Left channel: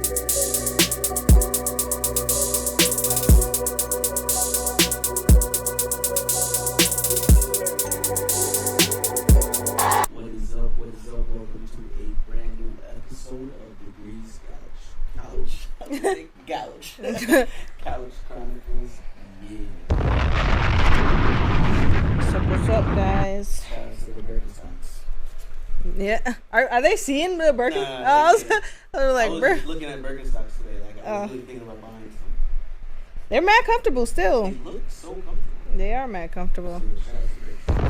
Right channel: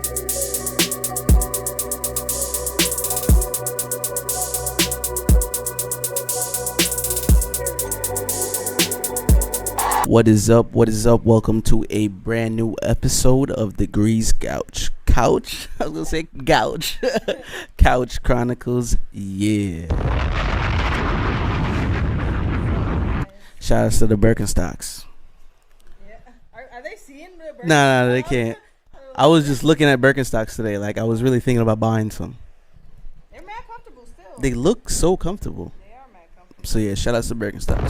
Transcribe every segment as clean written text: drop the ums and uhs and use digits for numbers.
What is up? What is up? Welcome to a brand new episode of the Grease Couch. Couch? I was gonna say Couch. Couch Chronicles. Yeah. What's up, guys? Shout out to the Birkenstocks. Yeah. Are they seeing the Birkenstocks? No, they can't. Like, I was just looking at Birkenstocks today. Like, I was really thinking about buying some. They're mad comfortable still. They look so comfortable. They are mad comfortable. So, yeah, shout out to Birkenstocks.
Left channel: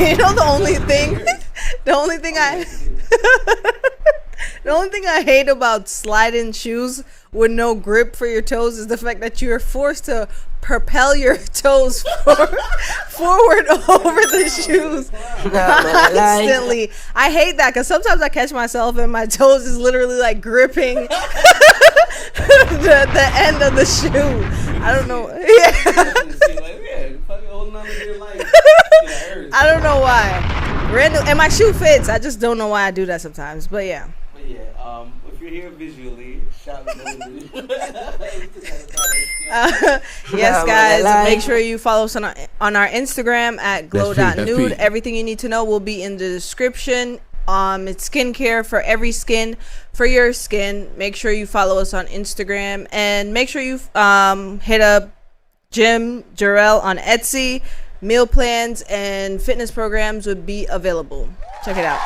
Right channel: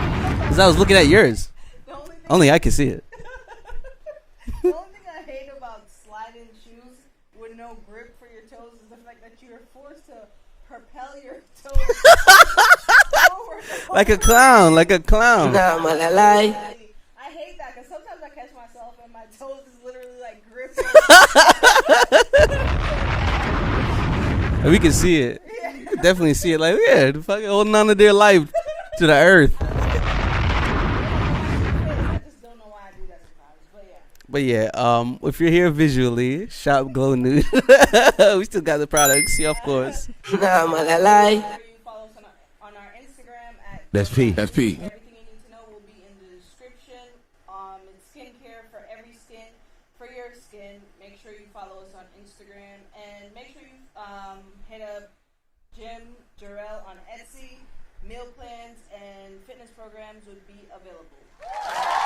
You know the only I was looking thing, at yours. The only thing Only I can see it. The only thing I hate about sliding shoes with no grip for your toes is the fact that you're forced to propel your toes forward Like over a clown, the like a shoes clown. constantly. I hate that because sometimes I catch myself and my toes is literally like gripping the end of the shoe. We can see know. it. Yeah. Definitely see it. Like, yeah, the fucking holding on to their life to the earth. I don't know why. Random, and my shoe fits. I just don't know why I do that sometimes. But yeah. But yeah, if you're here visually, shop Glow Nude. We still got the products. Yeah, of course. Yes, guys. Make sure you follow us on our Instagram at glow.nude. Everything you need to know will be in the description. It's skincare for every skin, for your skin. Make sure you follow us on Instagram, and make sure you hit up Jim Jarrell on Etsy. Meal plans and fitness programs would be available. Check it out.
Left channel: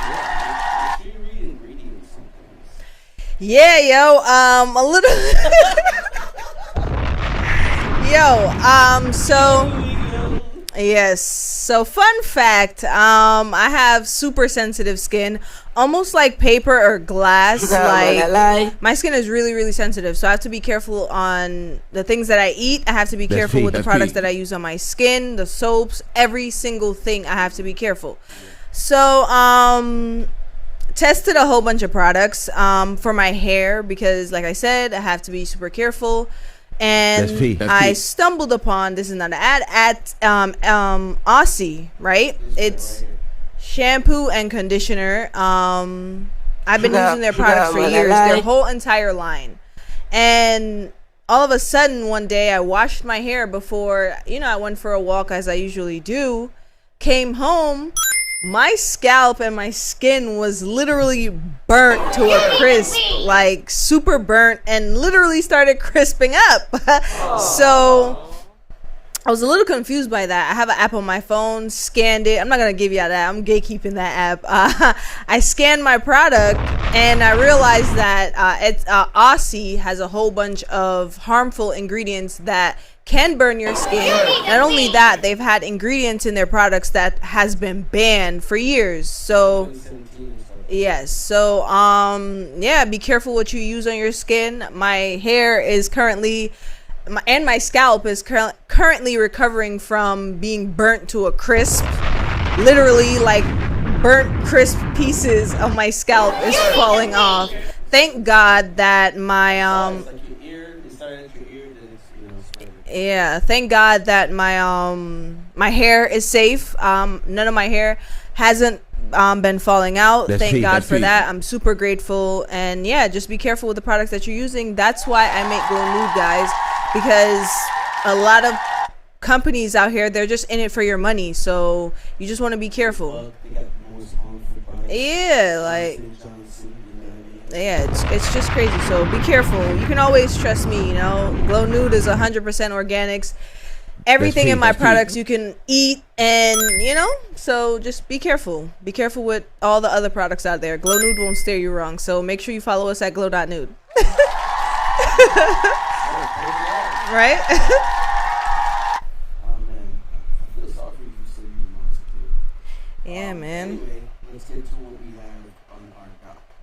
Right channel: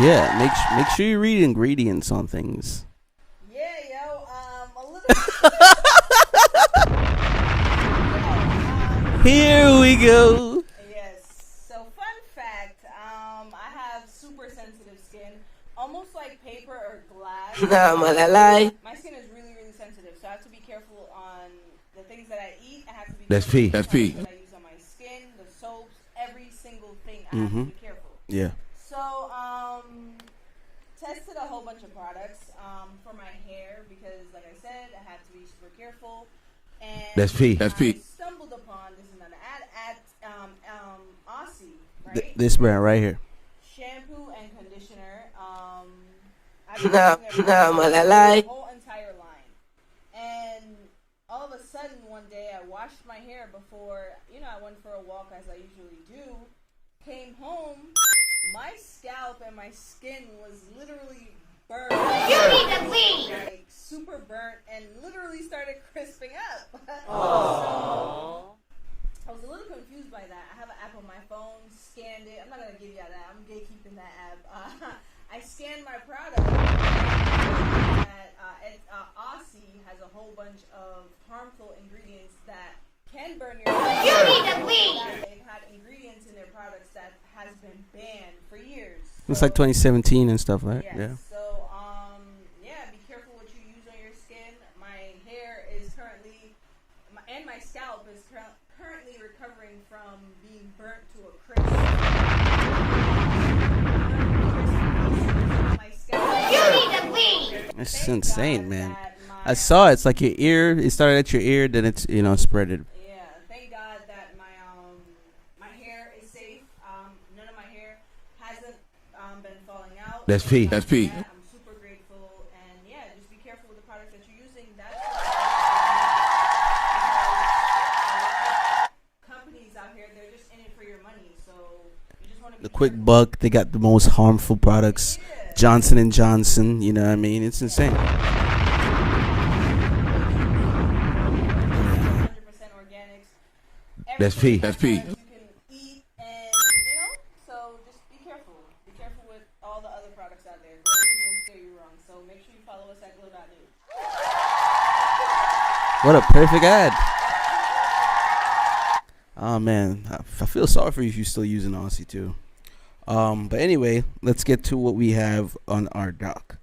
Yeah, make sure you read ingredients on things. Yeah, yo, a little. So here we go. Yes. So fun fact, I have super sensitive skin, almost like paper or glass. My skin is really, really sensitive, so I have to be careful on the things that I eat. I have to be careful with the products that I use on my skin, the soaps, every single thing. I have to be careful. Yeah. So, tested a whole bunch of products for my hair because, like I said, I have to be super careful. And I stumbled upon, this is not an ad, at Aussie, right? This brand right here. Shampoo and conditioner. I've been using their products for years, their whole entire line. And all of a sudden, one day, I washed my hair before, I went for a walk as I usually do. Came home. My scalp and my skin was literally burnt to a crisp, like super burnt, and literally started crisping up. So I was a little confused by that. I have an app on my phone, scanned it. I'm not going to give you that. I'm gatekeeping that app. I scanned my product and I realized that Aussie has a whole bunch of harmful ingredients that can burn your skin. Not only that, they've had ingredients in their products that has been banned for years. So it's like 2017 and stuff, right? Yes. Yeah. So be careful what you use on your skin. My hair is currently and my scalp is currently recovering from being burnt to a crisp. Literally, like burnt crisp pieces of my scalp is falling off. That's Thank insane, God man. that my I saw it's like your ear. It started at your ear, then it's spread it. Yeah, thank God that my my hair is safe. None of my hair hasn't been falling out. Thank God for that. I'm super grateful. And yeah, just be careful with the products that you're using. That's why I make Glow Nude, guys, because a lot of companies out here, they're just in it for your money, so you just want to be careful. Buck, they got the most harmful products. Yeah, Johnson and Johnson. You know what I mean? It's insane. It's just crazy. So be careful. You can always trust me. Glow Nude is 100% organics. Everything in my products you can eat, and so just be careful. Be careful with all the other products out there. Glow Nude won't steer you wrong. So make sure you follow us at glow.nude. What a perfect ad, right? Oh man, I feel sorry for you if you're still using Aussie too. Yeah, man. But anyway, let's get to what we have on our doc.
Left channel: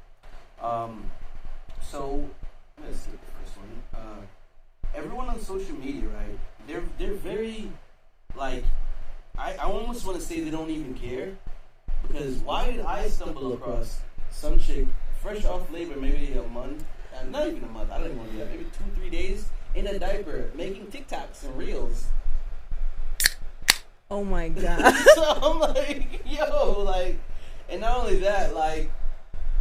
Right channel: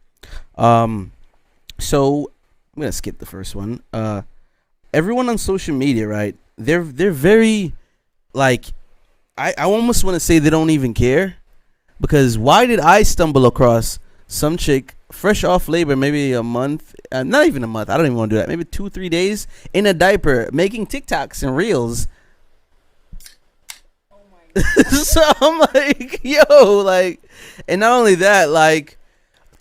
So I'm gonna skip the first one. Everyone on social media, right? They're very, like, I almost want to say they don't even care, because why did I stumble across some chick fresh off labor, maybe a month, not even a month, I don't even want to do that, maybe 2-3 days in a diaper, making TikToks and reels. Oh my God. So I'm like, yo, like, and not only that, like,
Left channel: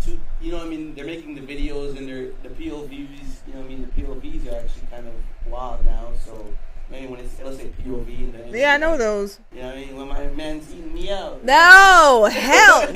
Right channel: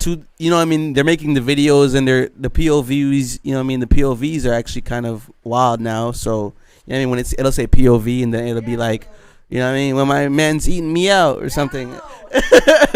to, you know what I mean, they're making the videos and the POVs, you know what I mean, the POVs are actually kind of wild now. So, you know what I mean, when it'll say POV and then it'll be like, those. You know what I mean, when my man's eating me out or something. No, hell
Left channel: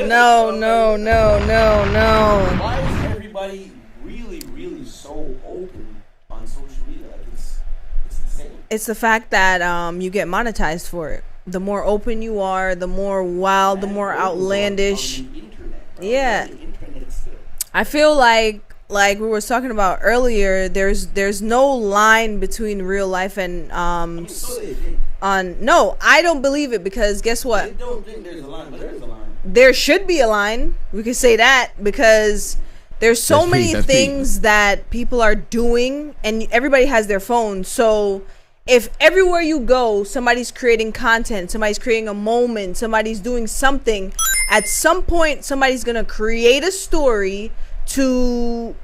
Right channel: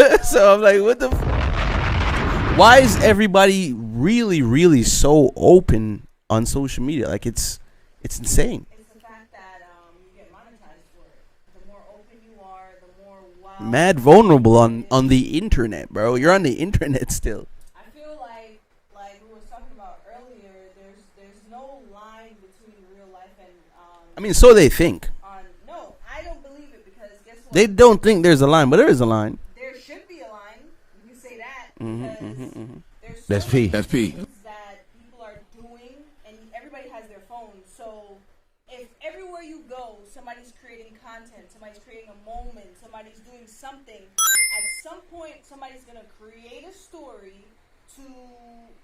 no, So no. Why is everybody really, really so open on social media? Like, it's insane. It's the fact that you get monetized for it. The more open you are, the more wild, Mad the more vulnerable outlandish. on the internet, bro. Yeah. You're on the internet still. I feel like we were talking about earlier, there's no line between real life and I mean, so they think. No, I don't believe it, because guess what? They don't think there's a line, but there is a line. There should be a line. We could say that, because there's so many things that people are doing, and everybody has their phone. So if everywhere you go, somebody's creating content, somebody's creating a moment, somebody's doing something, at some point somebody's gonna create a story to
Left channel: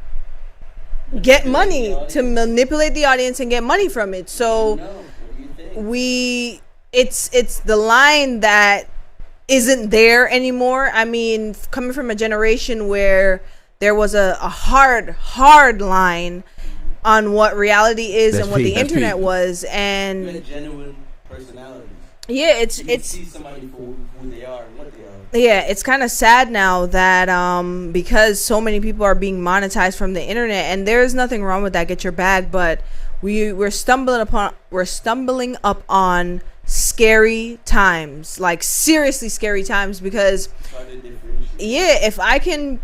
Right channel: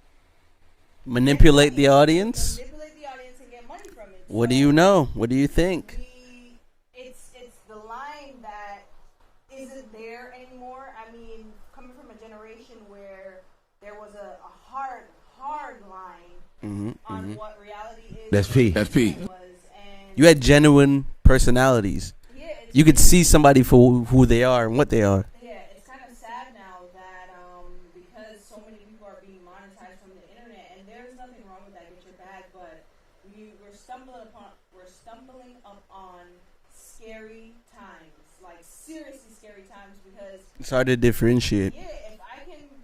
Manipulate get money, the audience. to manipulate the audience and get money from it. So what do you know? What do you think? It's the line that isn't there anymore. I mean, coming from a generation where there was a hard line on what reality is and what the internet was, and you had genuine personalities. Yeah, you could see somebody for who they are and what they are. Yeah, it's kind of sad now that because so many people are being monetized from the internet, and there's nothing wrong with that. Get your bag, but we're stumbling up on scary times, like seriously scary times, because it's hard to differentiate. Yeah, if I can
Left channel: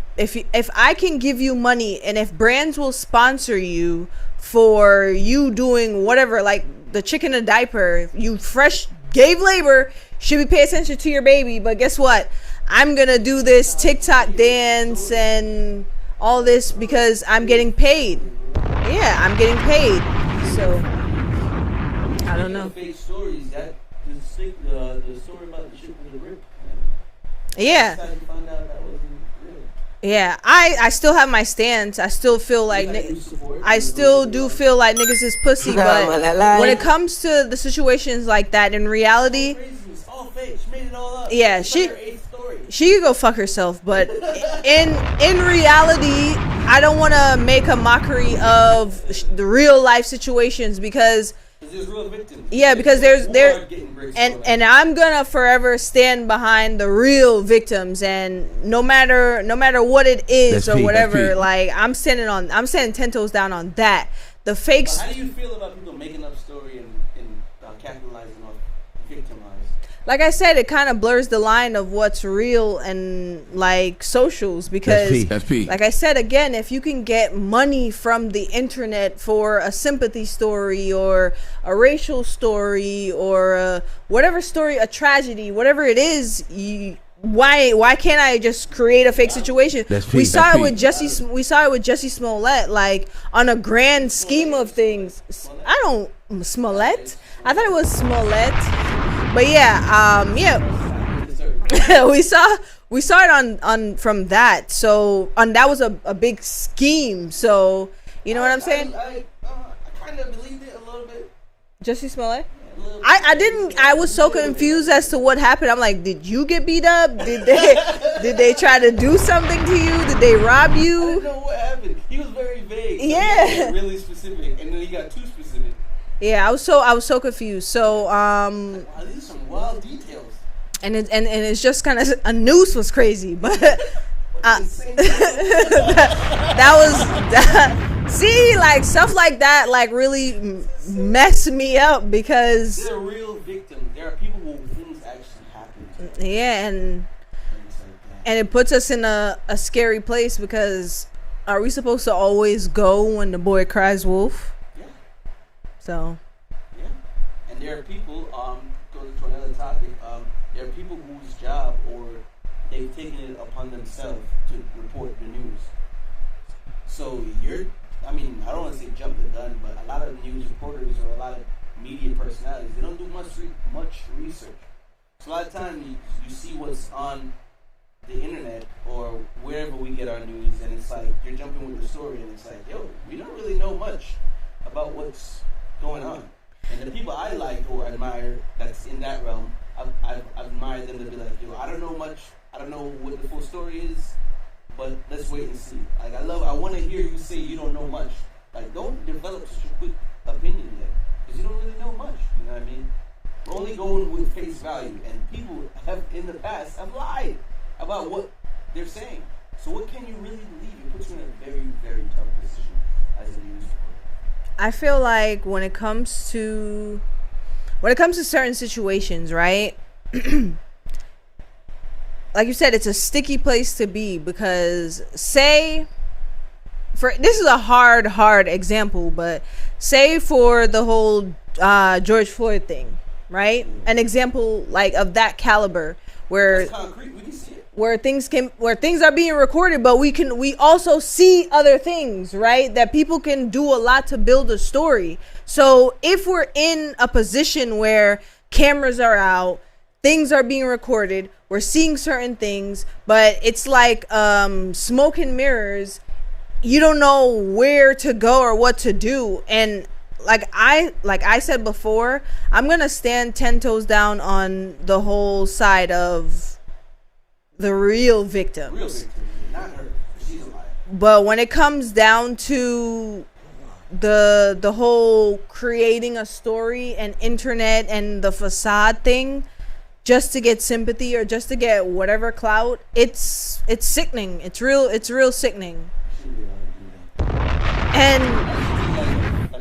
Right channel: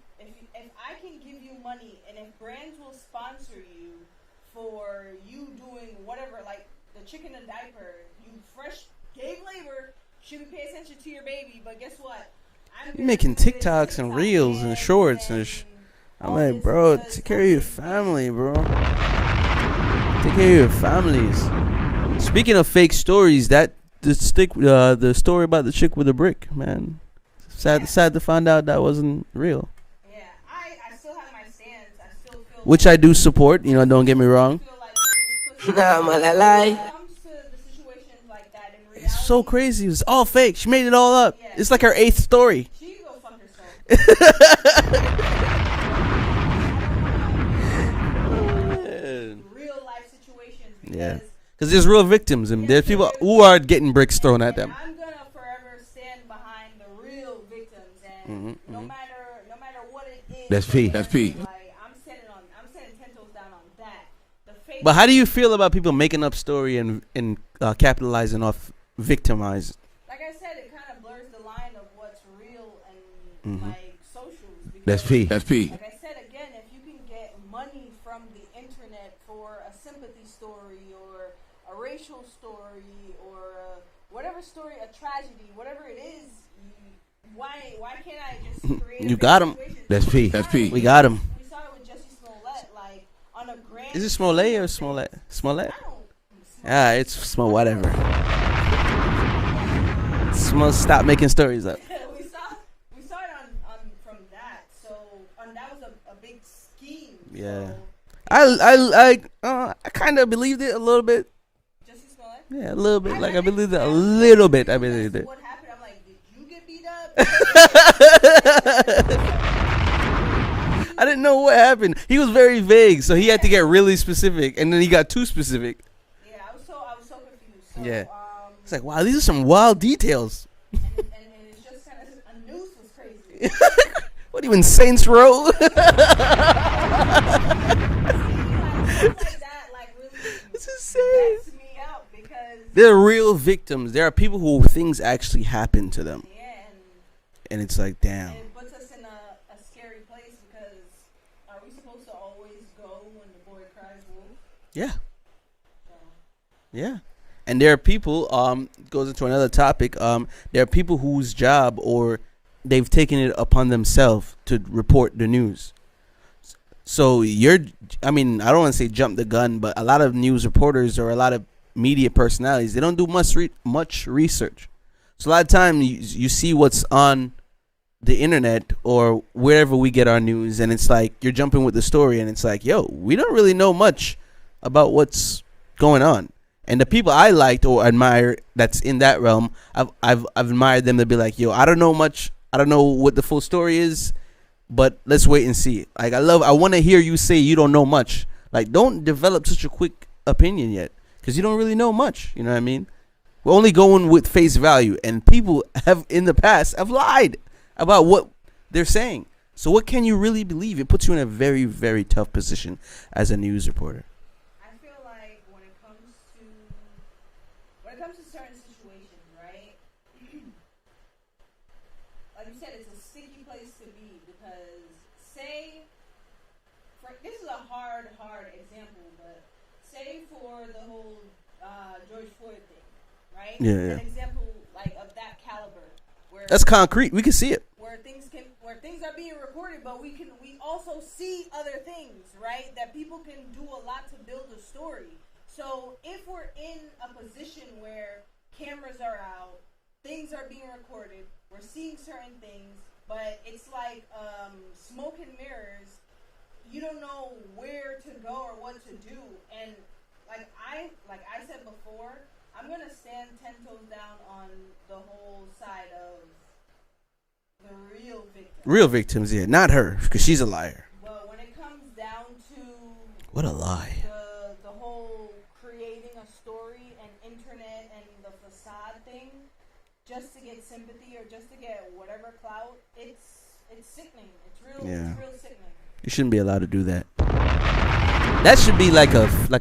give you money, and if brands will sponsor you for you doing whatever, like the chick in a diaper, you fresh gave labor, should be pay attention to your baby, but guess what, I'm gonna do this TikTok dance and all this, bro, because I'm getting paid. Family, bro. Yeah, I'm getting paid. Take care of your families. Speaking of fake stories, the story about the chick with the brick, man. Sad to find out that wasn't real. Yeah, I still have my stance. I still feel like, which I do support. Don't get me wrong. I still do feel like niggas is pussy. But when it comes to the situations like that, in reality, so crazy. It was all fake. She made it all up. Yeah, it's like her 8th story. She could go fuck herself. But in reality, I don't want to make a mockery of the real life situations, because. Because there's real victims. Yeah, because there's who are getting bricks thrown at them. And I'm gonna forever stand behind the real victims, and no matter what it is or whatever, like I'm standing 10 toes down on that. The fake. But how do you feel about people making up story and capitalizing off victimized? Like I said, it kind of blurs the line of what's real and like socials, because that's P. Like I said, again, if you can get money from the internet for a sympathy story or a racial story or whatever story, a tragedy, whatever it is, why can't I just create a fake situation? We saw it with Jussie Smollett, like on a grand scheme of things. Smollett? I don't Smollett. Yeah, it's Smollett. I thought it was Smollett. But yeah. Stop making stories. Like we saw it on from that. So that was a big scheme. So you know what I'm saying? I kind of believed it a little bit. Jussie Smollett? Yeah, a little bit. I didn't. I was so confused as to what happened. I'm like, did you get beat up? Did they try to do something to you? Did they rob you? I didn't know what happened. He was very vague, so he had to get really specific, and then he got too specific. Yeah, I was so confused. So it's like, wow, these are some wild details. And it's just kind of, a noose was crazy. But what in Saints Row? See, like stuff like that, like really messed me up, because they're real victims. There are people who things actually happen to them. Yeah, and it's like, damn. And it puts us in a scary place, because are we supposed to always go when the boy cries wolf? Yeah. So, yeah, and there are people. Goes into another topic. There are people whose job, or they've taken it upon themselves to report the news. So I don't want to say jump the gun, but a lot of news reporters or a lot of media personalities, they don't do much research. So a lot of time you see what's on the internet or wherever we get our news, and it's like you're jumping with the story, and it's like, yo, we don't really know much about what's going on. And the people I liked or admire that's in that realm, I've admired them to be like, yo, I don't know much. I don't know what the full story is. but let's wait and see. Like I want to hear you say you don't know much. Like don't develop such a quick opinion yet, because you don't really know much. You know what I mean? We're only going with face value, and people have in the past have lied about what they're saying. So what can you really believe? It puts you in a very, very tough position as a news reporter. I feel like when it comes to certain situations, right? Like you said, it's a sticky place to be, because this is a hard example, but say for the whole George Floyd thing, right? Yeah. An example like of that caliber, where that's concrete. We can see it. Where things are being recorded, but we also see other things, right? That people can do a lot to build a story. So if we're in a position where cameras are out, things are being recorded, we're seeing certain things, but it's like smoke and mirrors. You don't know where to go or what to do. And like I said before, I'm gonna stand 10 toes down on the whole side of the real victims. Real victims, yeah, not her, because she's a liar. But when it comes down to what a lie, the whole creating a story and internet and the facade thing, just to get sympathy or just to get whatever clout, it's sickening. It's real sickening. You shouldn't be allowed to do that. And that should be like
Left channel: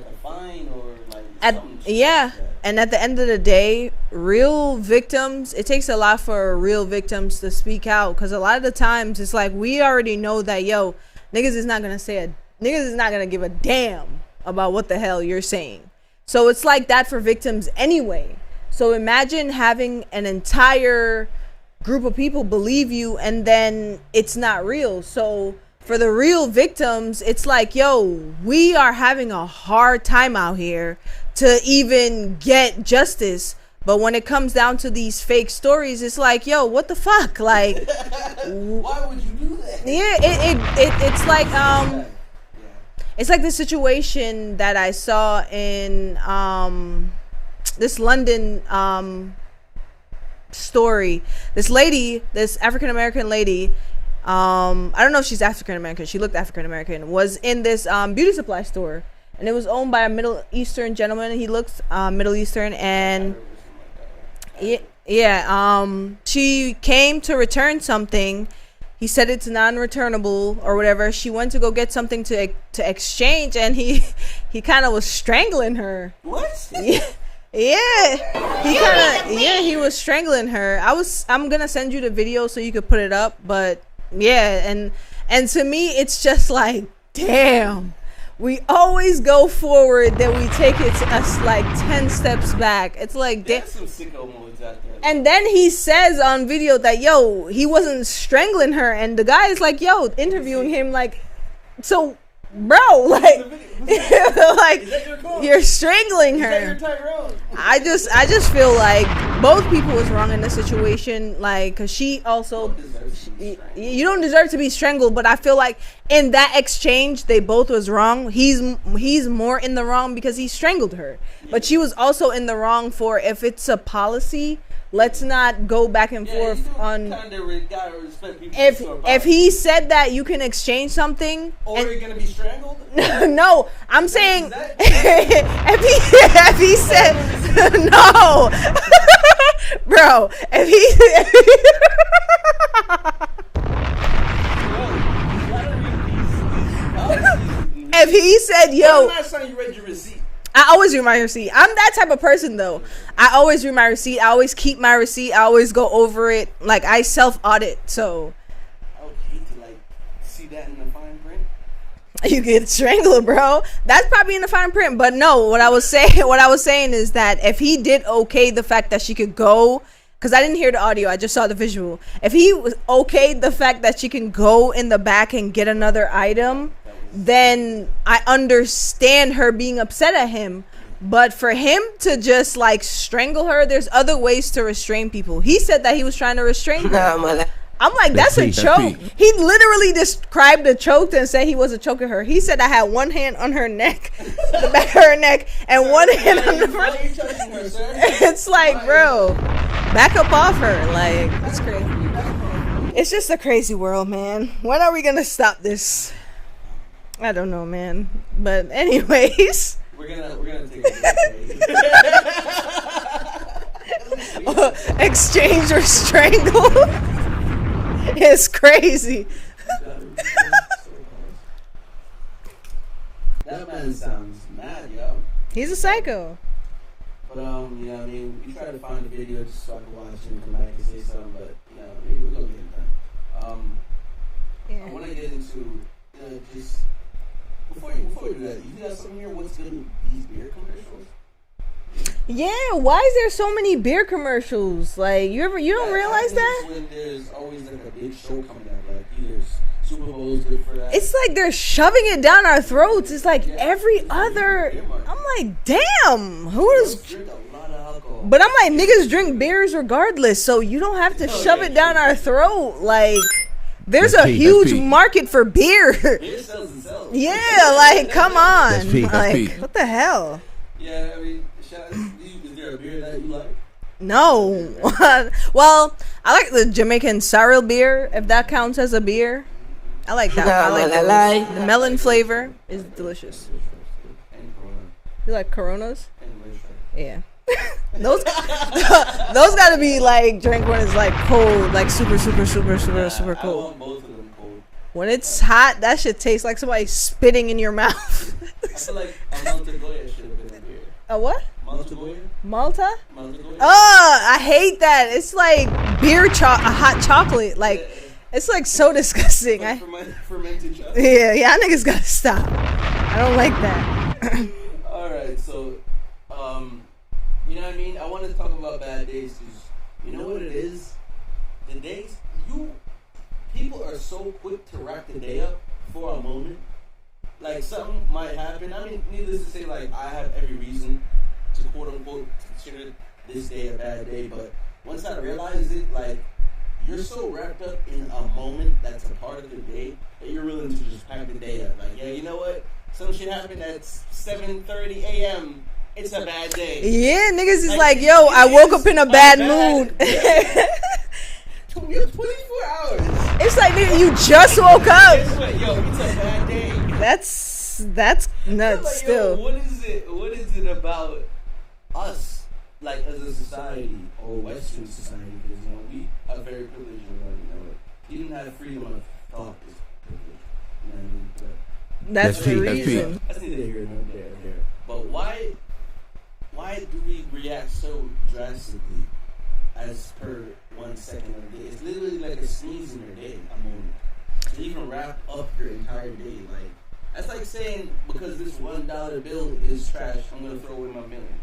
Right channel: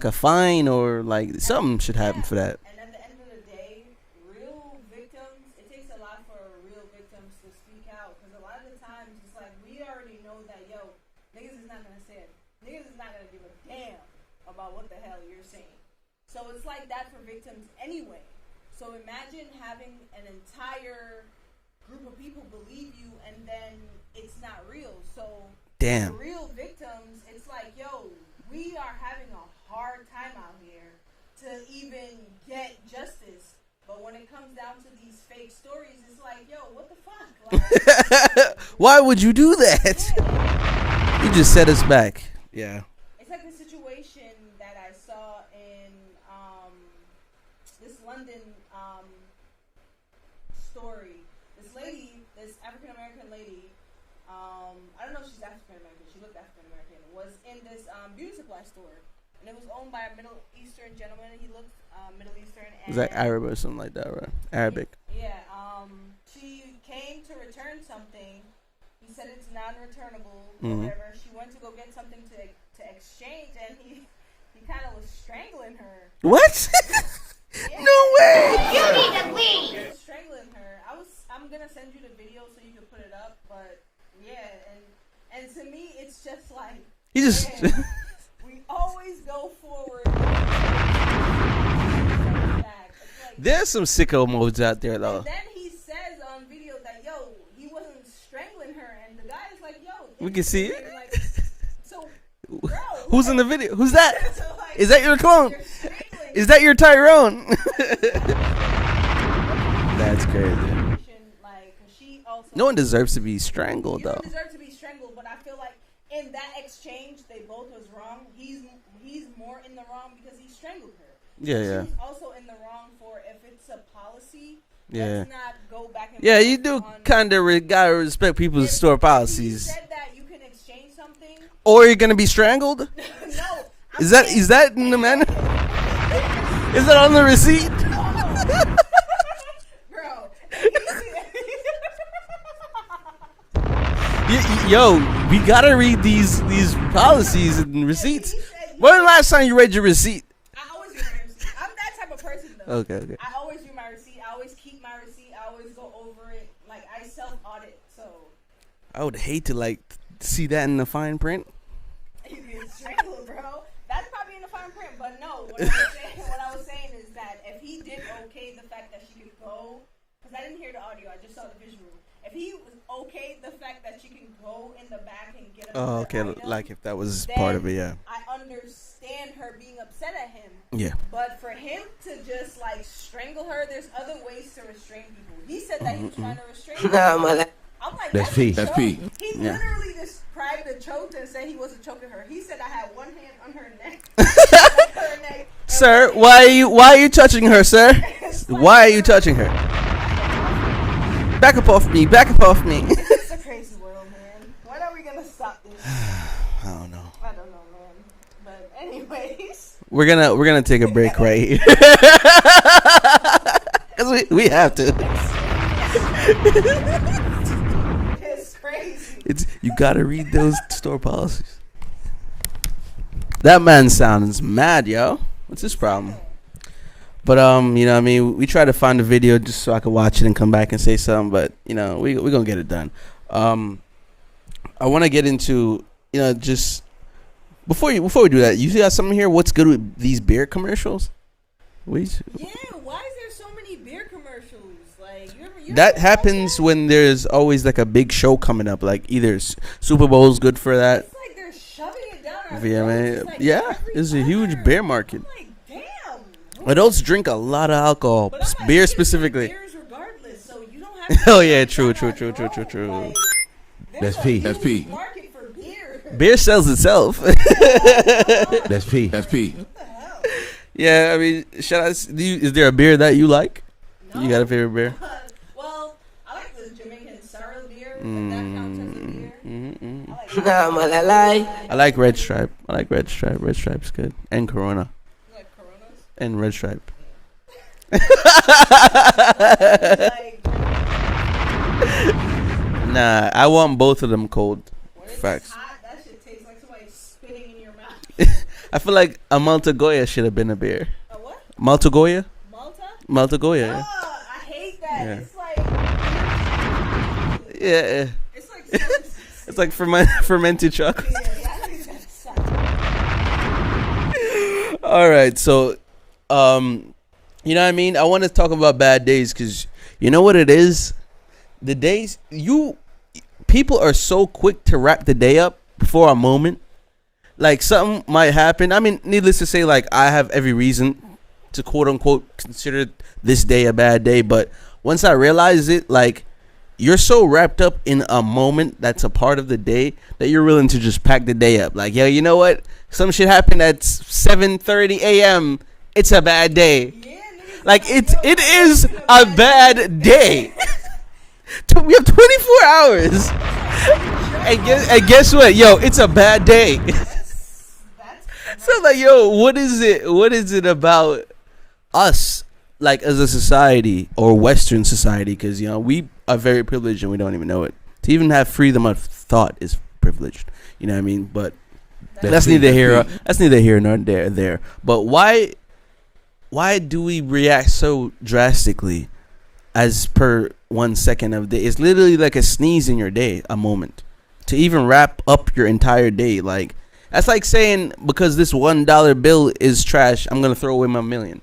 a fine, or like something should happen for that. And at the end of the day, real victims, it takes a lot for real victims to speak out, because a lot of the times it's like we already know that niggas is not gonna give a damn about what the hell you're saying. So it's like that for victims anyway. So imagine having an entire group of people believe you, and then it's not real. So for the real victims, it's like, we are having a hard time out here to even get justice. But when it comes down to these fake stories, it's like, what the fuck? Like, why would you do that? Yeah, it's like just set us back. Yeah, it's like the situation that I saw in this London story. This African American lady, I don't know if she's African American, she looked African American, was in this beauty supply store, and it was owned by a Middle Eastern gentleman. He looks Middle Eastern, and like Arab or something like that, right? Arabic. Yeah. She came to return something. He said it's non-returnable or whatever. She went to go get something to exchange, and he kind of was strangling her. What? Yeah. Yeah, he was strangling her. I'm gonna send you the video so you could put it up, but yeah, and to me it's just like, damn, we always go forward, then we take it to us like 10 steps back. It's like there's some sicko modes out there though. And then he says on video that he wasn't strangling her, and the guy is like, interviewing him like, so bro, who's in the video? Who's that? Like, is that your clone? You're strangling her. Is that your Tyrone? I just feel like both people was wrong in this situation, like, because she also, no one deserves to be strangled. You don't deserve to be strangled, but I feel like in that exchange they both was wrong. He's more in the wrong because he strangled her, but she was also in the wrong for, if it's a policy, let's not go back and forth. Yeah, you do kind of gotta respect people's store policies. If he said that you can exchange something, or you're gonna be strangled. No, I'm saying. Is that in the if he is said that on the receipt? No, bro. Yo, we gotta read these policies and receipts. If he said, when the last time you read your receipt? I always read my receipt. I'm that type of person, though. Okay. I always read my receipt. I always keep my receipt. I always go over it. Like, I self-audit, so. I would hate to, see that in the fine print. You get strangled, bro. That's probably in the fine print. But no, what I was saying is that if he did okay the fact that she could go, because I didn't hear the audio, I just saw the visual. If he was okay the fact that she can go in the back and get another item, if that was then I understand her being upset at him. Yeah. But for him to just strangle her, there's other ways to restrain people. He said that he was trying to restrain her. I'm like, that's a choke. He literally described the choke and said he wasn't choking her. He said I had one hand on her neck, the back of her neck, and sir, one hand why are you touching her, sir? It's like, why are you touching her? Back up off her, like. Back up off me. Back up off me. It's just a crazy world, man. When are we gonna stop this? I don't know, man. But anyways, we're gonna take a break right here. we have to exchange or strangle. It's crazy. You gotta read those store policies. That man sounds mad, yo. What's He's his a problem? psycho. But you know what I mean, we try to find a video just so I could watch it and come back and say something, but you know, we're gonna get it done. I wanna get into, you know, just before we do that, you got something here, what's good with these beer commercials? Yeah, why is there so many beer commercials? Like you ever that realize happens that? when there's always like a big show coming up, like either Super Bowl's good for that. It's like they're shoving it down our throats. It's like every it's other. a huge beer market. I'm like, damn. But those drink a lot of alcohol. But I'm like, beer niggas drink beers regardless, so you don't have to shove it down our throat. Like, there's a huge market for beer. Beer sells itself. Yeah, like, come on. That's Pete. Like, what the hell? Yeah, I mean, is there a beer that you like? No. You got a favorite beer? Well, I like the Jamaican sorrel beer, if that counts as a beer. I like that. The melon flavor. I like Red Stripe. Red Stripe's good. And Corona. You like Coronas? And Red Stripe. Yeah. those gotta be like drink when it's like cold, like super. Nah, I want both of them cold. When it's hot, that shit tastes like somebody spitting in your mouth. I feel like a Malta Goya should have been a beer. A what? Malta Goya? Malta Goya. Oh, I hate that. Yeah. It's like beer hot chocolate. Like it's like so disgusting. It's like fermented chocolate. Yeah, niggas gotta stop. I don't like that. All right, so you know what I mean? I want to talk about bad days because you know what it is? The days people are so quick to wrap the day up before a moment. Like something might happen. I mean, needless to say, like I have every reason to quote unquote consider this day a bad day. But once I realize it, like you're so wrapped up in a moment that's a part of the day that you're willing to just pack the day up. Like, yo, you know what? Some shit happened at 7:30 a.m. It's a bad day. Yeah, niggas is like yo, I woke up in a bad day. We have 24 hours. It's like, nigga, you just woke up. And guess what? Yo, it's a bad day. That's nuts. So like, yo, what is it about us, like as a society or Western society? Because, you know, we are very privileged and we don't even know it. To even have freedom of thought is privileged. You know what I mean? But that's neither here nor there. But why do we react so drastically as per 1 second of the day? It's literally like a sneeze in your day, a moment. To even wrap up your entire day. Like, that's like saying because this $1 bill is trash, I'm going to throw away my $1,000,000.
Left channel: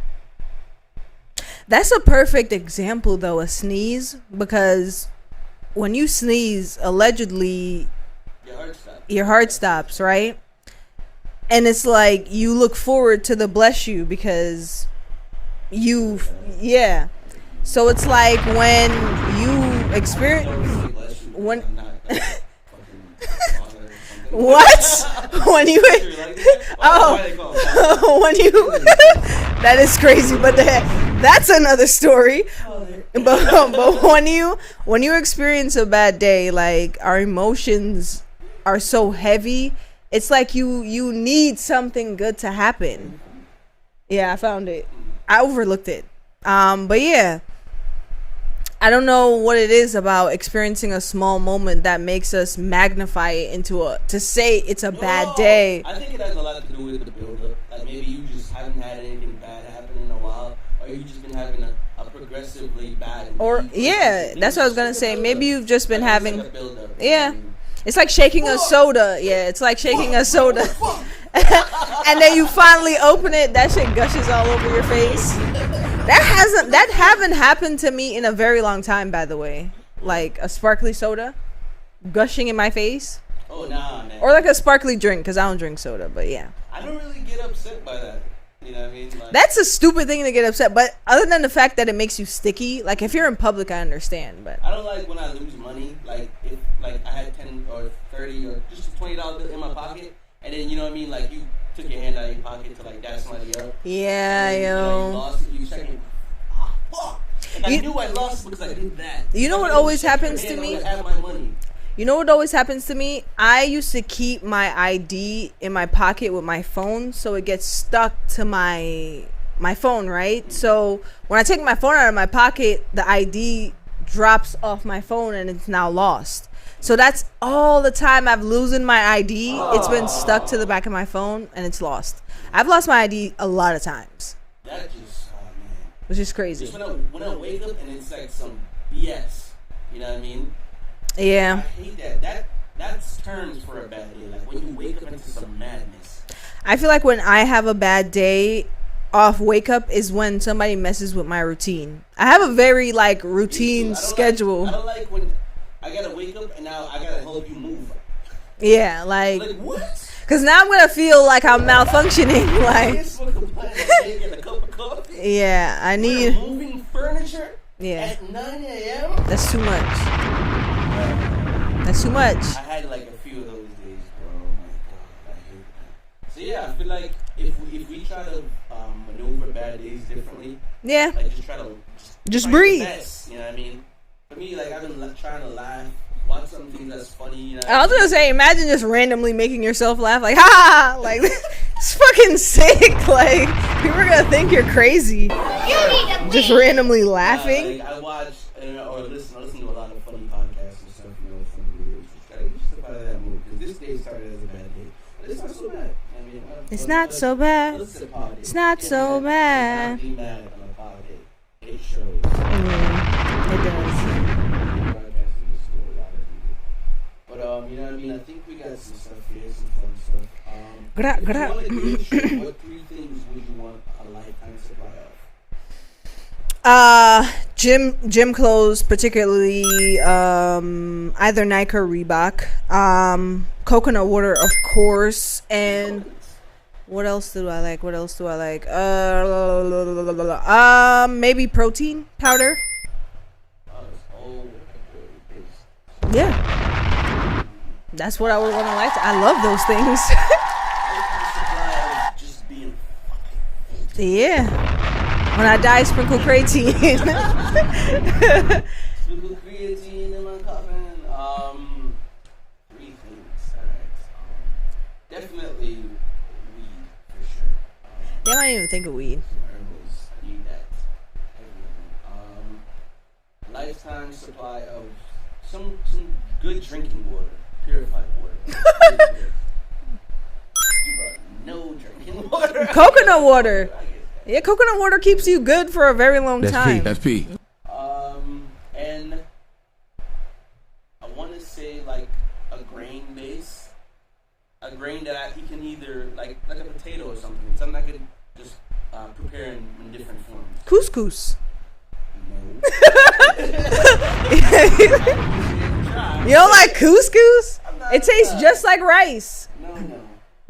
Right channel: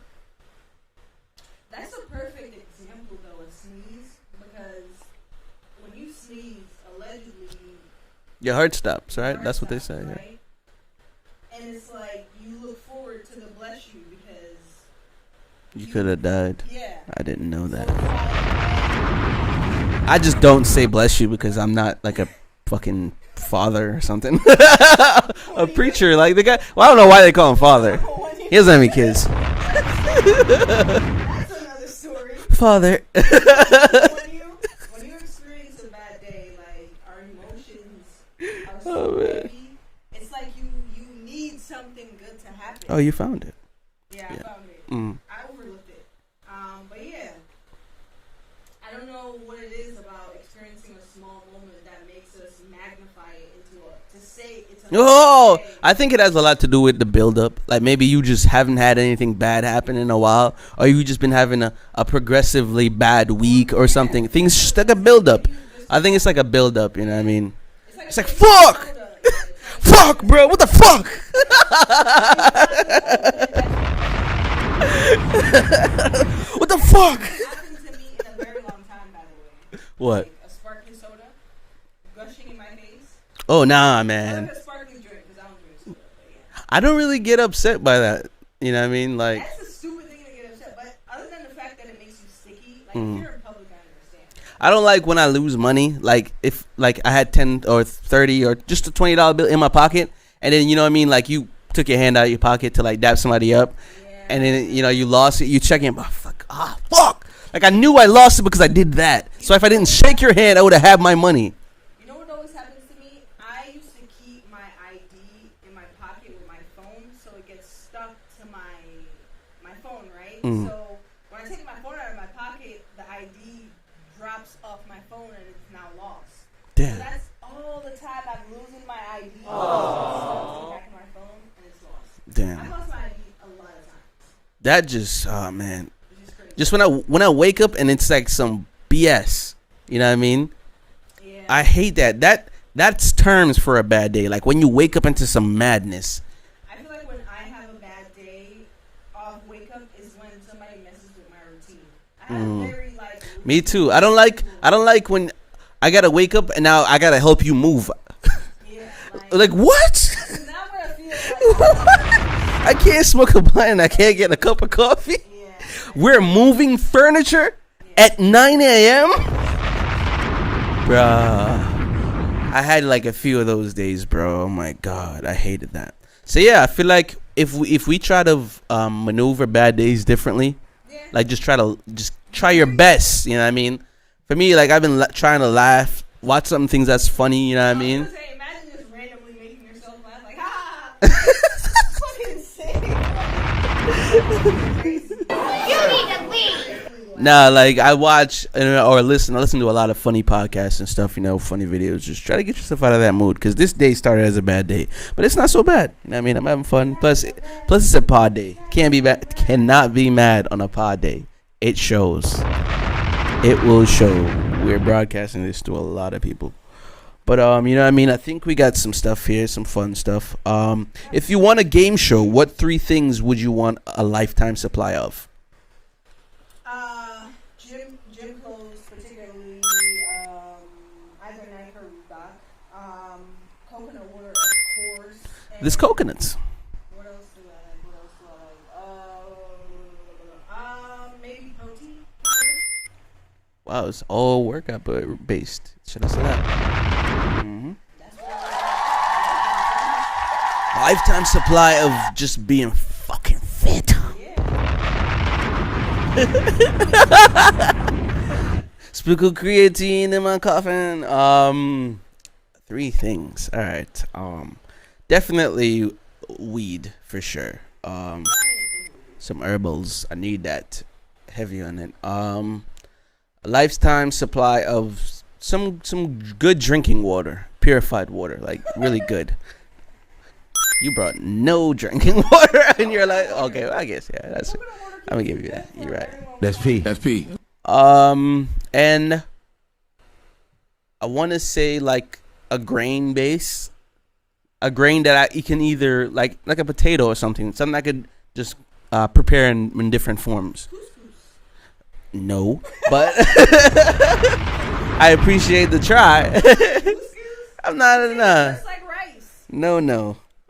That's a perfect example, though, a sneeze. Because when you sneeze, allegedly, your heart stops. Your heart stops, right? And it's like you look forward to the bless you because you died. Yeah, I didn't know that. So it's like when you I just don't say bless you because I'm not like a fucking father or something. What? When you preacher, like the guy. Well, I don't know why they call him father. He doesn't have any kids. That is crazy, but that's another story. Father. But when you experience a bad day, like our emotions are so heavy, it's like you need something good to happen. Oh, you found it. Yeah, I found it. I overlooked it. But yeah, I don't know what it is about experiencing a small moment that makes us magnify it to say it's a bad day. I think it has a lot to do with the buildup. Like maybe you just haven't had anything bad happen in a while, or you just been having a progressively bad week or something. Things just like a buildup. Maybe you've just been. I think it's like a buildup. You know what I mean? It's like shaking a soda. Yeah, it's like shaking a soda. Bro, what the fuck? And then you finally open it, that shit gushes all over your face. That hasn't happened to me in a very long time, by the way. What? Like a sparkly soda gushing in my face. Oh, nah, man. Or like a sparkly drink, because I don't drink soda, but yeah. I don't really get upset by that. You know what I mean? Like, that's a stupid thing to get upset. But other than the fact that it makes you sticky, like if you're in public, I understand. But I don't like when I lose money. Like if like I had 10 or 30 or just a $20 bill in my pocket, and then you know what I mean? Like you took your hand out of your pocket to like dap somebody up. Yeah. And then you know you lost it. You check in. Oh, fuck. Like I knew I lost it because I did that. So if I didn't shake your hand, I would have had my money. You know what always happens to me? I used to keep my ID in my pocket with my phone, so it gets stuck to my phone, right? So when I take my phone out of my pocket, the ID drops off my phone and it's now lost. Damn. So that's all the time I've losing my ID. It's been stuck to the back of my phone and it's lost. Damn. I've lost my ID a lot of times. That just, oh man, which is crazy. Just when I wake up and it's like some BS, you know what I mean? Yeah, I hate that. That's terms for a bad day. Like when you wake up into some madness. I feel like when I have a bad day, off wake up is when somebody messes with my routine. I have a very like routine. Me too. Schedule. I don't like when I gotta wake up and now I gotta help you move. Yeah, like what? Because now I'm gonna feel like I'm malfunctioning. Like, I can't smoke a blunt and I can't get a cup of coffee. Yeah, we're moving furniture at 9 a.m. That's too much. Bruh. That's too much. I had like a few of those days, bro. Oh my god, I hated that. So yeah, I feel like if we try to maneuver bad days differently, like just try breathe. your best. You know what I mean? For me, like I've been trying to laugh, watch some things that's funny. You know what I mean? I was gonna say, imagine just randomly making yourself laugh, like ha, like that's fucking sick. Like people are gonna think you're crazy. You need to just randomly laughing. Nah, like I watch or listen to a lot of funny podcasts and stuff. You know, funny videos. Just try to get yourself out of that mood because this day started as a bad day, but it's not so bad. You know what I mean? I'm having fun. It's not so bad. Plus, it's a pod day. It's not Can't so be bad. bad. Cannot be mad on a pod day. It shows. It will show. We're broadcasting this to a lot of people. But you know what I mean? I think we got some stuff here, some fun stuff. If you want a game show, what 3 things would you want a lifetime supply of? Gym clothes, particularly either Nike or Reebok. Coconut water, of course. And there's coconuts. What else do I like? Maybe protein powder. Wow, it's all workout based. Yeah. That's what I would want to like. I love those things. Lifetime supply of just being fucking fit. Yeah. When I die, sprinkle creatine. Sprinkle creatine in my coffin. 3 things. All right. Definitely weed for sure. I don't even think of weed. Some herbals. I need that. Heavy on it. A lifetime supply of some good drinking water, purified water, like really good. You brought no drinking water. Coconut water. Okay, I guess yeah. Coconut water keeps you good for a very long time. That's P. And I want to say like a grain base, a grain that you can either like a potato or something I could just prepare in different forms. Couscous. No, but I appreciate the try. You don't like couscous? I'm not. It tastes just like rice. No.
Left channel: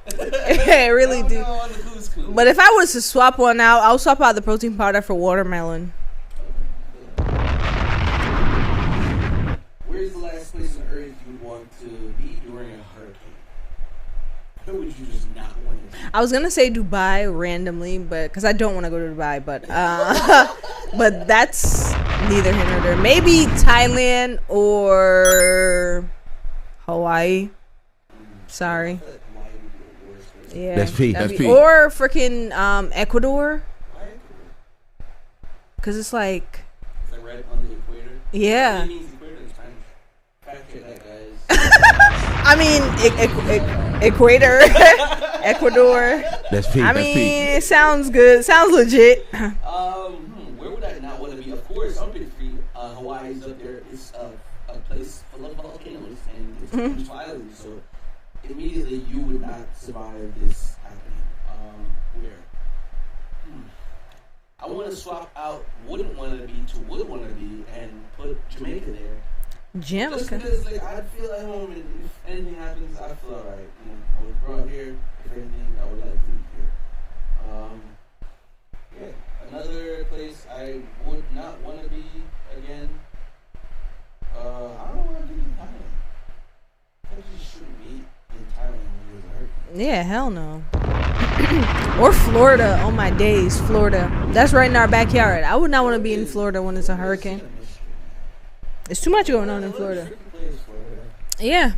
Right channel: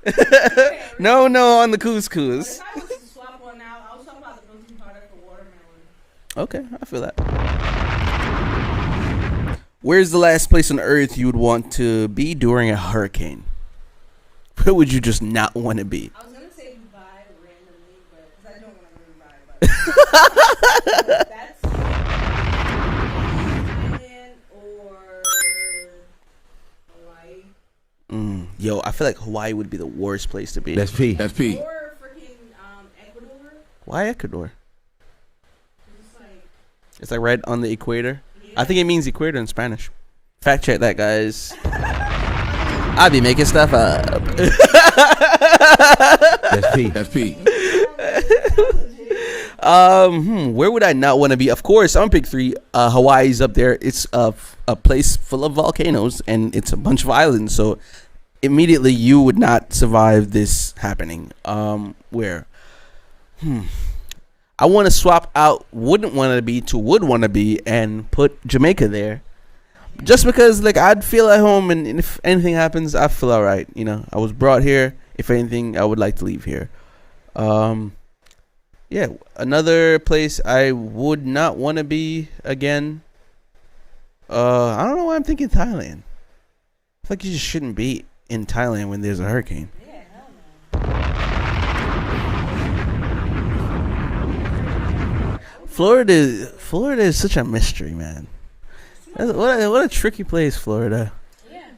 Really no on the couscous. But if I was to swap one out, I'll swap out the protein powder for watermelon. Okay, I feel that. Where's the last place on earth you would want to be during a hurricane? Where would you just not want to be? I was gonna say Dubai randomly, but because I don't want to go to Dubai, but but that's neither here nor there. Maybe Thailand or Hawaii. Sorry, Yo, I feel like Hawaii would be the worst place to be. That's P. Or freaking Ecuador. Why Ecuador? Because it's like right on the equator. Yeah, I think it means equator in Spanish. Fact check that, guys. I mean, I'll be making stuff up. Equator, Ecuador. That's P. It sounds good. Sounds legit. Where would I not want to be? Of course, I'm gonna pick 3. Hawaii's up there. It's a place full of volcanoes and it's a bunch of islands. So immediately you would not survive this happening. Where? I want to swap out wouldn't want to be to would want to be and put Jamaica there. Jim. Just because like I'd feel at home and if anything happens I feel all right. You know, I was brought here. If anything, I would like to leave here. yeah, another place I would not want to be again. I don't know why I'm thinking Thailand. I feel like you just shouldn't be in Thailand when there's a hurricane. Yeah, hell no. Or Florida. Oh my days, Florida. That's right in our backyard. I would not want to be in Florida when Florida it's a hurricane. is such a mystery, man. It's too much. What a tricky place, Florida. Yeah.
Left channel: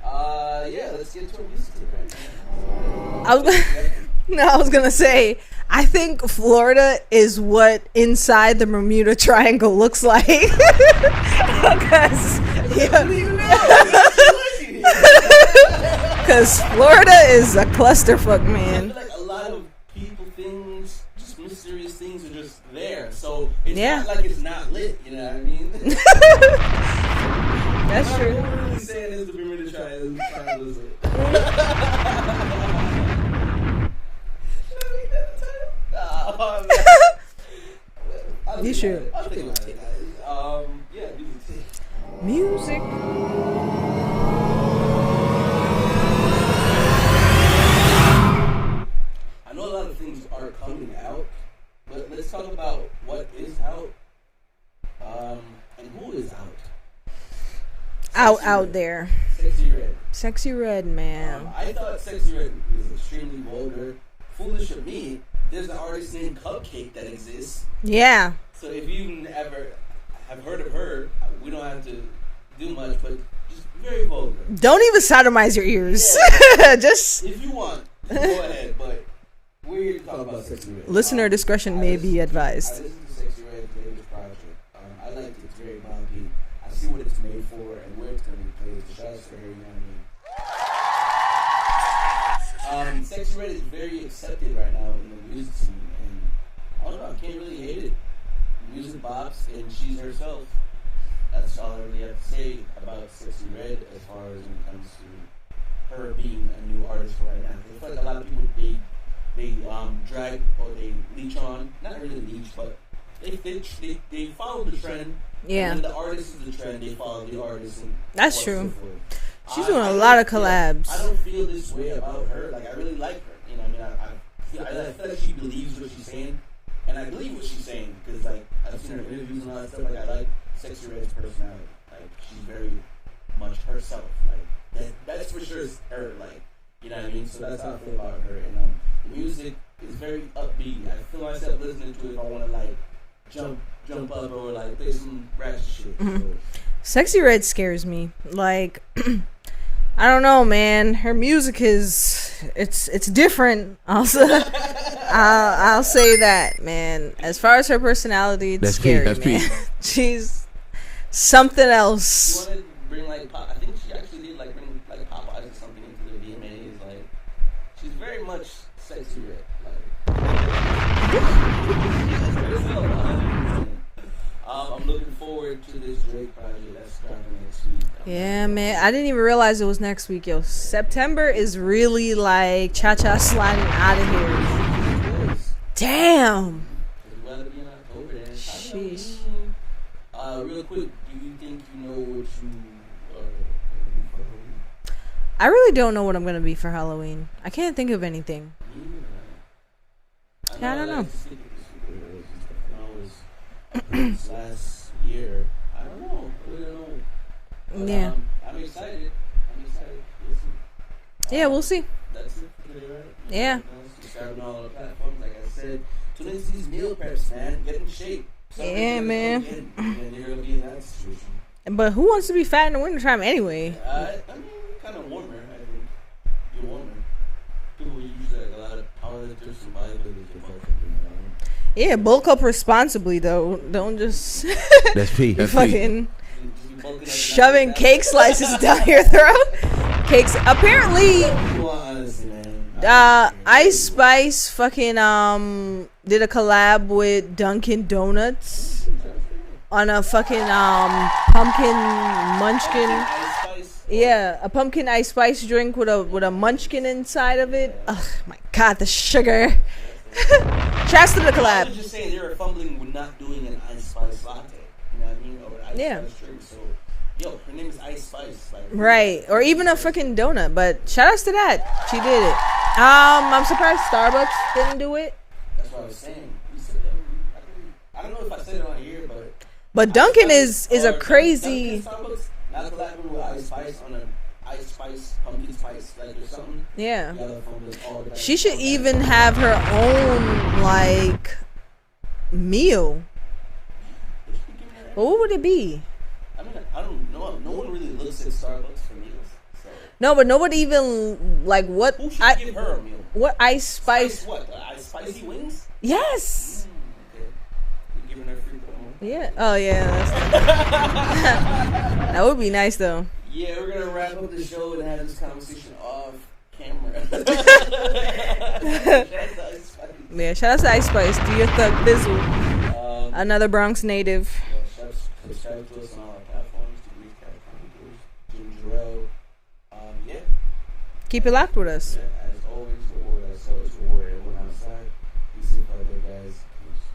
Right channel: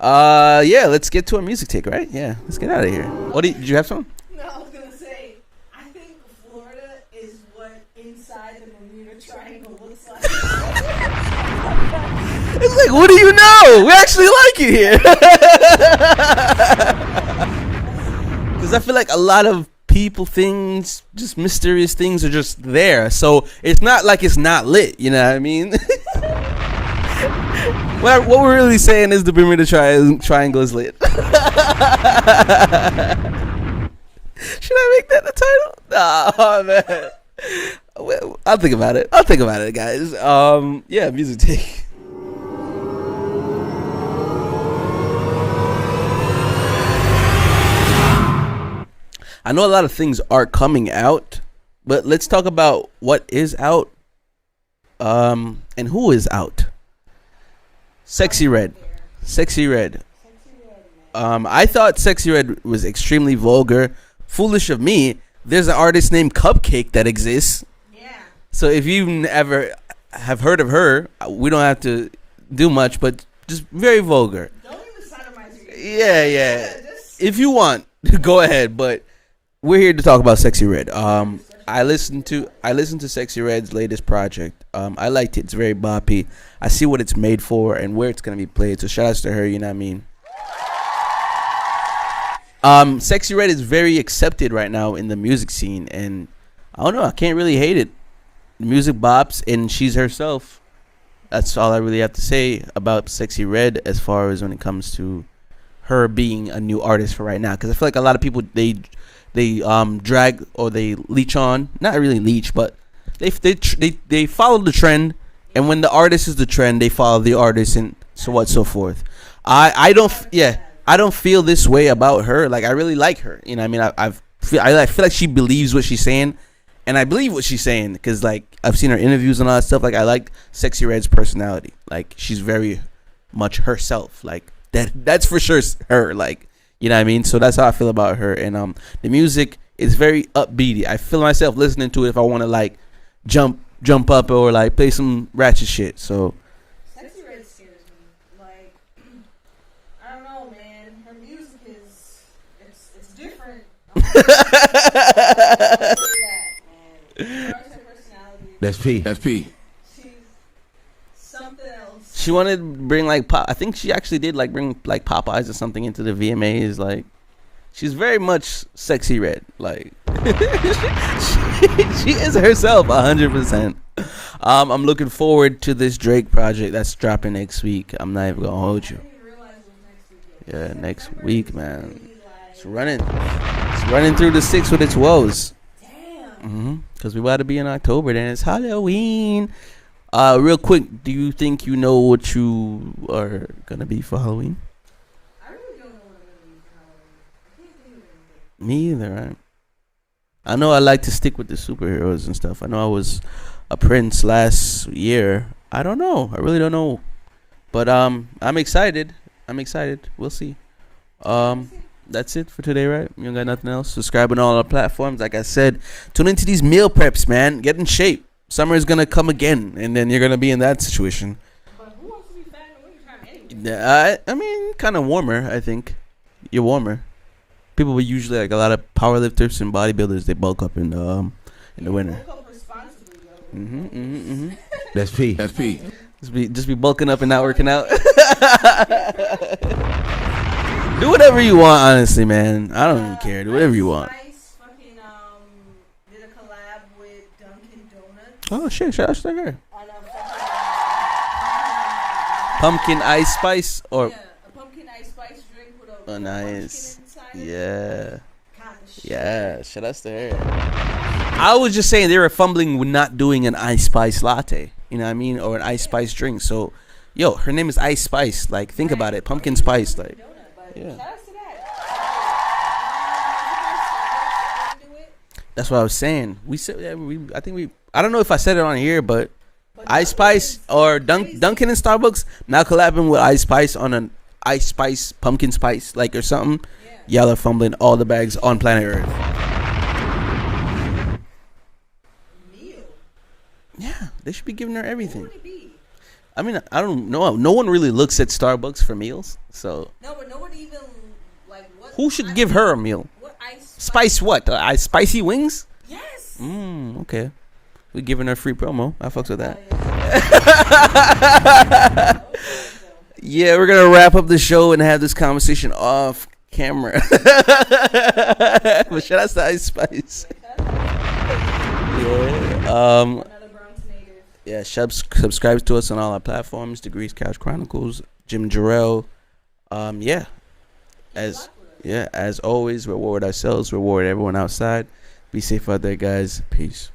Yeah, let's get to our music take, right? Yeah, let's get out of here. Did you have something? No, I was gonna say, I think Florida is what inside the Bermuda Triangle looks like. What do you know? We actually like it here. Because Florida is a clusterfuck, man. I feel like a lot of people, things, just mysterious things are just there. So it's not like it's not lit. You know what I mean? What we're really saying is the Bermuda Triangle is lit. Should I make that the title? Oh, man. I'll think about it. I'll think about it, guys. Yeah, music take. Music. I know a lot of things are coming out, but let's talk about what is out, and who is out. Sexy Red. Out there. Sexy Red. Sexy Red, man. I thought Sexy Red was extremely vulgar. Foolish of me. There's an artist named KEKE that exists. Yeah. So if you ever have heard of her, we don't have to do much, but just very vulgar. Don't even sodomize your ears. Yeah. Just if you want, go ahead. But we're here to talk about Sexy Red. Listener discretion may be advised. I listened to Sexy Red's latest project. I liked it. It's very boppy. I see what it's made for and where it's gonna be played. So shout outs to her. You know what I mean? Sexy Red is very accepted right now in the music scene, and I don't know. I can't really hate it. The music bops, and she's herself. That's all I really have to say about Sexy Red as far as when it comes to her being a new artist for right now. Because I feel like a lot of people they drag or they leech on, not really leech, but they follow the trend, and when the artist is the trend, they follow the artist and so forth. I don't feel this way about her. Like I really like her. You know, what I mean, I feel like she believes what she's saying, and I believe what she's saying because like I've seen her interviews and all that stuff. Like I like Sexy Red's personality. Like she's very much herself. Like that's for sure her. Like you know what I mean. So that's how I feel about her. And the music is very upbeat. I feel myself listening to it if I want to like jump up or like play some ratchet shit. Mm-hmm. So Sexy Red scares me. Like I don't know, man. Her music it's different. I'll say that, man. As far as her personality, it's scary, That's Pete. She's something else. She wanted to bring like pop. I think she actually did like bring like Popeyes or something into the VMAs. Like she's very much Sexy Red. Like she is herself 100%. I'm looking forward to this Drake project that's dropping next week. I'm not even man. I didn't even realize it was next week, yo. Yeah, September week, is man. Really like cha-cha sliding running through the 6 with its woes. Damn. Because we about to be in October, then it's Halloween. Real quick, do you think you know what you are gonna be for Halloween? I really don't know what I'm gonna be for Halloween. I can't think of anything. Me either, right? I know I like to stick with the superheroes and stuff. I know I was a prince last year. I don't know. I really don't know. But I'm excited. We'll see. We'll see. That's it for today, right? You don't got nothing else? Subscribe on all our platforms. Like I said, tune into these meal preps, man. Get in shape. Summer is gonna come again, and then you're gonna be in that situation. But who wants to be fat in the wintertime anyway? Yeah, I mean, kind of warmer. I think you're warmer. People will usually like a lot of powerlifters and bodybuilders. They bulk up in bulk up responsibly though. Don't just That's Pete. just be bulking up and not working out. Shoving cake slices down your throat. Cakes apparently. Do whatever you want, honestly, man. I don't care. Do whatever you want. Ice Spice fucking did a collab with Dunkin' Donuts. Oh shit! Shout out to her. On a fucking pumpkin ice spice. A pumpkin ice spice drink with a nice munchkin inside of it. Oh my god, the sugar. Yeah, shout out to her. Shouts to the collab. I was just saying they were fumbling with not doing an ice spice latte. You know what I mean, or an ice spice drink. So. Yo, her name is Ice Spice. Like, think about it. Or even spice, a fucking donut. But shout outs to that. She did it. I'm surprised Starbucks didn't do it. That's what I was saying. We said I think we. I don't know if I said it on here, but Dunkin' is a crazy. Dunkin' and Starbucks now collabing with Ice Spice on an Ice Spice pumpkin spice or something. Yeah. Y'all are fumbling all the bags She on should planet even Earth. have her own meal. Yeah, they should be giving her everything. What would it be? I mean, I don't know. No one really looks at Starbucks for meals, so No, but nobody even what? who should give her a meal? What Ice Spice what? Spicy wings? Yes. Okay. We're giving her free promo. I fucks with that. Oh yeah. That would be nice though. Yeah, we're gonna wrap up the show and have this conversation off camera. Shout out to Ice Spice. Yeah, shout out to Ice Spice. To your thug Bizzle. Another Bronx native. Yeah, subscribe to us on all our platforms. Degrees Couch Chronicles. Jim Jarrell. Yeah. Keep it locked with us. Yeah, as always, reward ourselves, reward everyone outside. Be safe out there, guys. Peace.